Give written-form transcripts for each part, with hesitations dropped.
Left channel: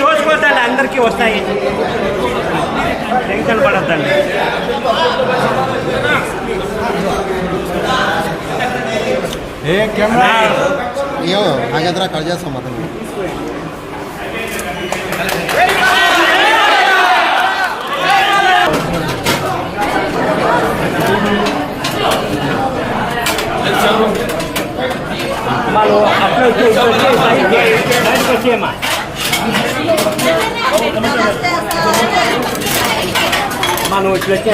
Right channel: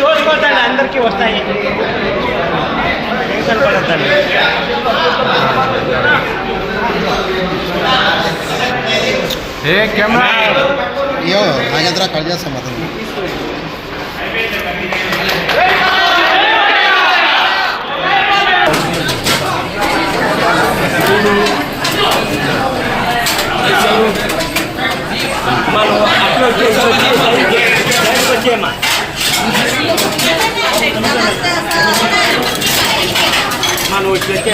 చూసిపోతాను అందరికీ వస్తాయి టెన్షన్ పడద్దండి ఏ కెమెరా అయ్యో ఆగేద్రా కట్ చేస్తాం అతను వాళ్ళు అప్లోడ్ చేసేమ్మా మనం వచ్చేస్తే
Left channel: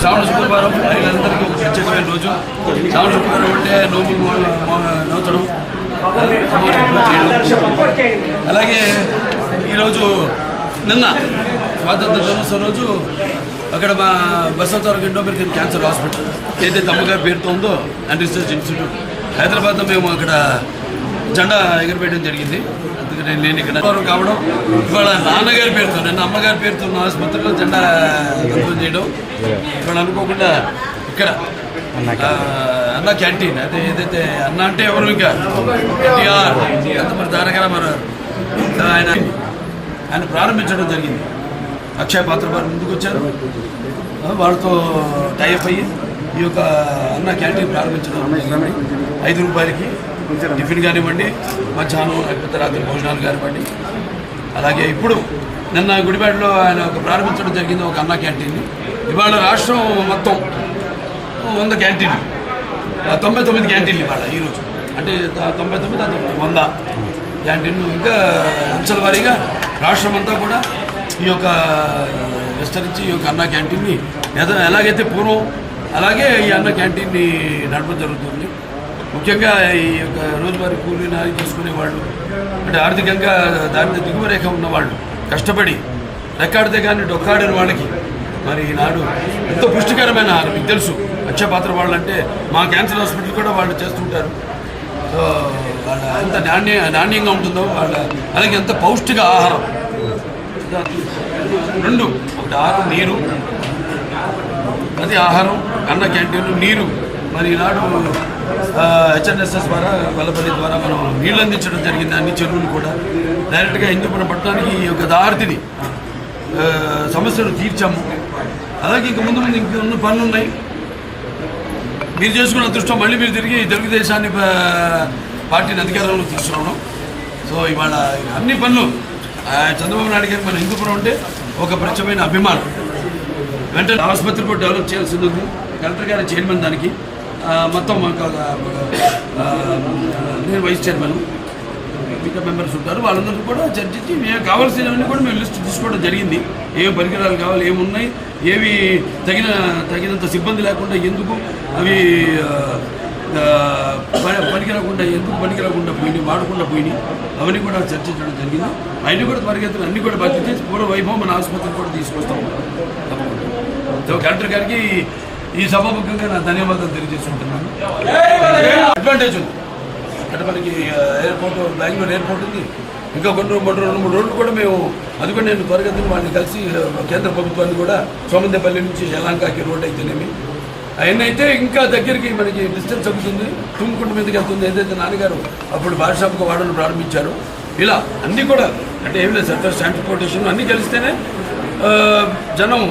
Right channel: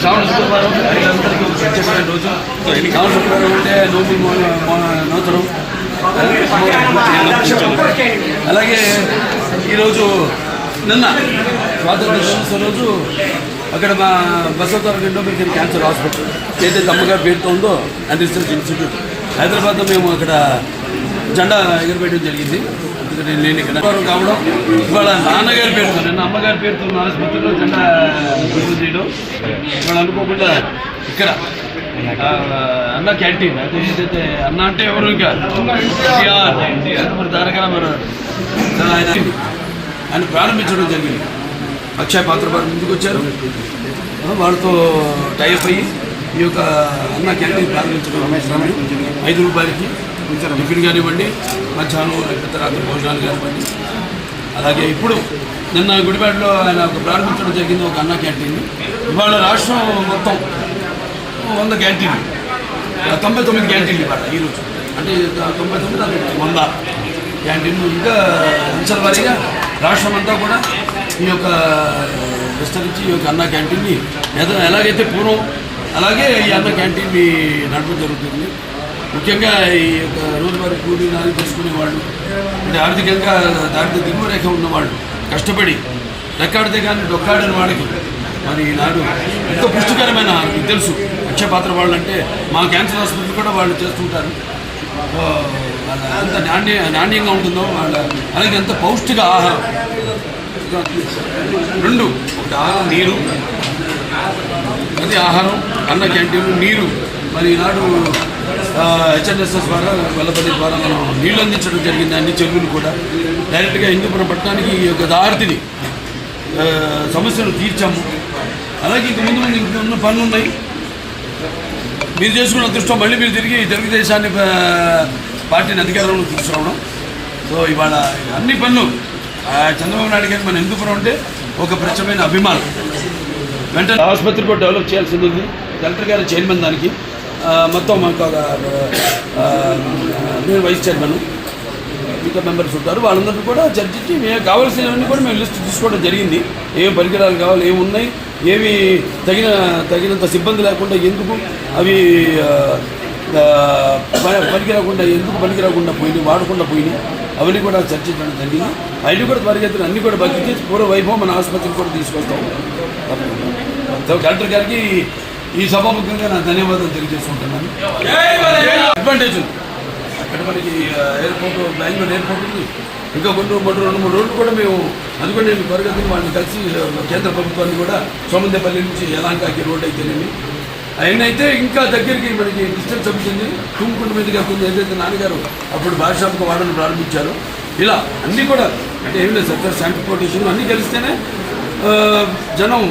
శ్రావణ శుక్రవారం అందరికీ ప్రత్యేకమైన రోజు. శ్రావణ శుక్రవారం అంటే నూతనం. అలాగే ఈరోజు నిన్న స్వాతంత్ర దినోత్సవం రోజు అక్కడ మా బసవతారక ఇండోమెరికన్ క్యాన్సర్ హాస్పిటల్ ఏదైతే అమ్మగారి పేరుతో ఉందో అండ్ రీసెర్చ్ ఇన్స్టిట్యూట్ హైదరాబాద్లో మేము అక్కడ జెండా ఎగురవేయడం జరిగింది. ఎందుకంటే నేను ఇక్కడ కావడం ఇవాళ నాన్నగారి పేరుతో నిన్న అమ్మగారి పేరుతో ఉన్న ఆసుపత్రిలో జెండా ఓపెన్ చేయడం ఇవాళ అనుకోకుండా ఇక్కడ అన్న క్యాంటీన్ అయితే ఏదైతే అన్న అంటే ఎవరు ఇంకా ఎంత మరి తారక రామారావు ఆయన ప్రారంభించడం జరిగింది. అక్షయ పాత్ర వారు ముందుకు వచ్చారు, వాళ్ళతో టైఅప్ అయ్యి ఈ యొక్క అన్న క్యాంటీన్ ప్రారంభించడం 5 రూపాయలకి టిఫిన్ కానివ్వండి, మధ్యాహ్నం లేకపోతే రాత్రి భోజనాలు కానివ్వండి. అలాగే ఇప్పుడు నిన్న గుడిపేటలో ఆయన ప్రారంభించడం జరిగింది ఒక అన్న క్యాంటీన్. ఇవాళ రాష్ట్రం మొత్తం 100 క్యాంటీన్లు, 99 క్యాంటీన్లు ఇవాళ ఈరోజు, అంటే 99 100 క్యాంటీన్లు. ఇంకా అంచెల వారీగా రాష్ట్రం అంతా కూడా ఈ యొక్క విస్తరించి ఈ యొక్క అన్న క్యాంటీన్ని ఎలాగైతే పూర్వం అలాగే ఈ అన్న క్యాంటీన్ని నడపడం జరుగుతుంది. ముఖ్యంగా ఈ యొక్క రోజువారీ కూలీ నాది చేసుకునే వాళ్ళు, అంటే ఆర్థికంగా దారిద్ర్య దిగువ రేఖ ఉన్నవాళ్ళు, కష్టపడి రెక్కాడితే కానీ డొక్కాడని వాళ్ళకి మరి ఈనాడు ఎంతో పుష్టికరమైన ఆహారం. మీకు తెలుసు అక్షయ పాత్ర వాళ్ళు అంటే మా క్యాన్సర్ హాస్పిటల్ కూడా వాళ్ళు చేస్తుంటారు. వాళ్ళ ఎంత నాణ్యంగా ఉంటుందో వాళ్ళ అలాగే ఎంత పౌష్టిక ఆహారం. 2 నీరు, అది ఆహారం, అన్న క్యాంటీన్, నీరు. మరి ఈనాడు హెచ్ఎన్ఎస్ఎస్ ద్వారా వెల్లపల్లి ద్వారా మనం నీళ్ళు అందించడం జరిగింది. అన్ని చెరువులు కూడా డైరెక్ట్గా హిందూపురం పట్టణానికి ఈ యొక్క దారిని సమస్యలు తీర్చాము. అలాగే ఇంక ముందు ఇంకొన్ని పనులు ఉన్నాయి. మీరు చేసుకున్న అదృష్టం మళ్ళీ మీరు తిరిగి తెలుగుదేశాన్ని పార్టీని అధికారంలో తీసుకురావడం. సో ఇవాళ అన్ని పనులు చంద్రబాబు నాయుడు గారికి మన హిందూపురం అంటే ఒక ప్రత్యేకమైన అభిమానం. వెంటనే ఆసుపత్రి కూడా డెవలప్ చేయాల్సింది ఉంది. కలెక్టర్ గారి చైర్మన్ దానికి మొత్తం మనకు నేను వైస్ చైర్మన్, మిగతా మెంబర్స్ ఉంటారు. వాళ్ళందరికీ కూడా చర్చించి మేము కావాల్సినవన్నీ కూడా మేము లిస్ట్ తీసుకోవడం జరిగింది. ఏం పరికరాలు కావాలి, ఏమున్నాయి, ఏవి తగినంత సిబ్బంది లేకుండా ఎందుకు అవి పనికిరాకుండా ఎందుకు పనికిరాకుండా పోయినాయి, వాడకుండా పోయినాయి, అవన్నీ కూడా చర్చించడం జరిగింది. అవి కూడా త్వరగతిని అన్నీ కూడా భర్తీ చేసి పూర్వ వైభవం మన ఆసుపత్రికి కూడా తీసుకొస్తాం. కలెక్టర్ గారికి ఈ సభాముఖంగా నా ధన్యవాదాలు తెలియజేసుకుంటున్నాను. అడ్వాంటేజ్ ఉంది అక్కడ మనకి ఎయిర్పోర్ట్, బెంగళూరు ఎయిర్పోర్ట్ ఉంది. ఇంకా కొన్ని 2-3 రోజులు కూడా మేము అది కూడా నేను త్వరగతిని వాళ్ళని కలిసి కేంద్ర ప్రభుత్వాన్ని కూడా సోమందేపల్లి నుంచి యలాంకాకి రోడ్ అయితేనేమి అవన్నీ అయితే ఇంకా దగ్గరికి మనకి డిస్టెన్స్ అవుతుంది. తుమ్ముకుంట మీదకి వెళ్తుంది. ఏదైతే నాన్నగారు అప్పుడు భాషాకు వాడను ప్రారంభించారో ఇలా అన్నీ కూడా అంటే ఏమి లేదు, సర్కార్ ట్రాన్స్పోర్టేషన్ అన్నీ కలిస్తేనే జనం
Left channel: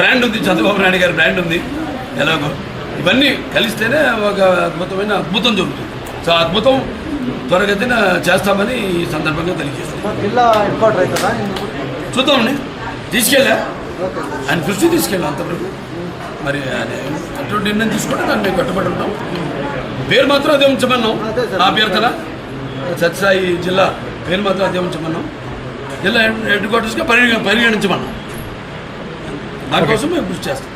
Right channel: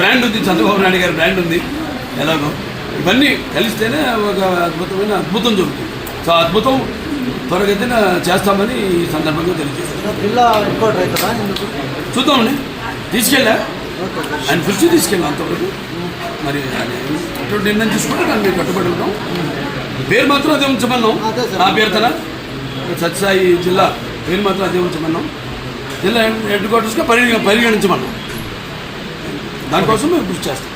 బ్రాండ్ ఉంది, చంద్రబాబు నాయుడు గారి బ్రాండ్ ఉంది. ఎలాగో ఇవన్నీ కలిస్తేనే ఒక అద్భుతం జరుగుతుంది. సో అద్భుతం త్వరగతిన చేస్తామని ఈ సందర్భంగా తెలియజేస్తాం. చూద్దామండి, తీసుకెళ్ళా ఆయన దృష్టి తీసుకెళ్ళాం అంతవరకు. మరి అటువంటి నిర్ణయం తీసుకుంటే దాన్ని మేము కట్టుబడి ఉంటాం. పేరు మాత్రం అదే ఉంచమన్నాం. ఆ అభ్యర్థన సత్యసాయి జిల్లా పేరు మాత్రం అదే ఉంచమన్నాం. జిల్లా హెడ్ క్వార్టర్స్గా పరిగణించమన్నాం. దానికోసం మేము కృషి చేస్తాం.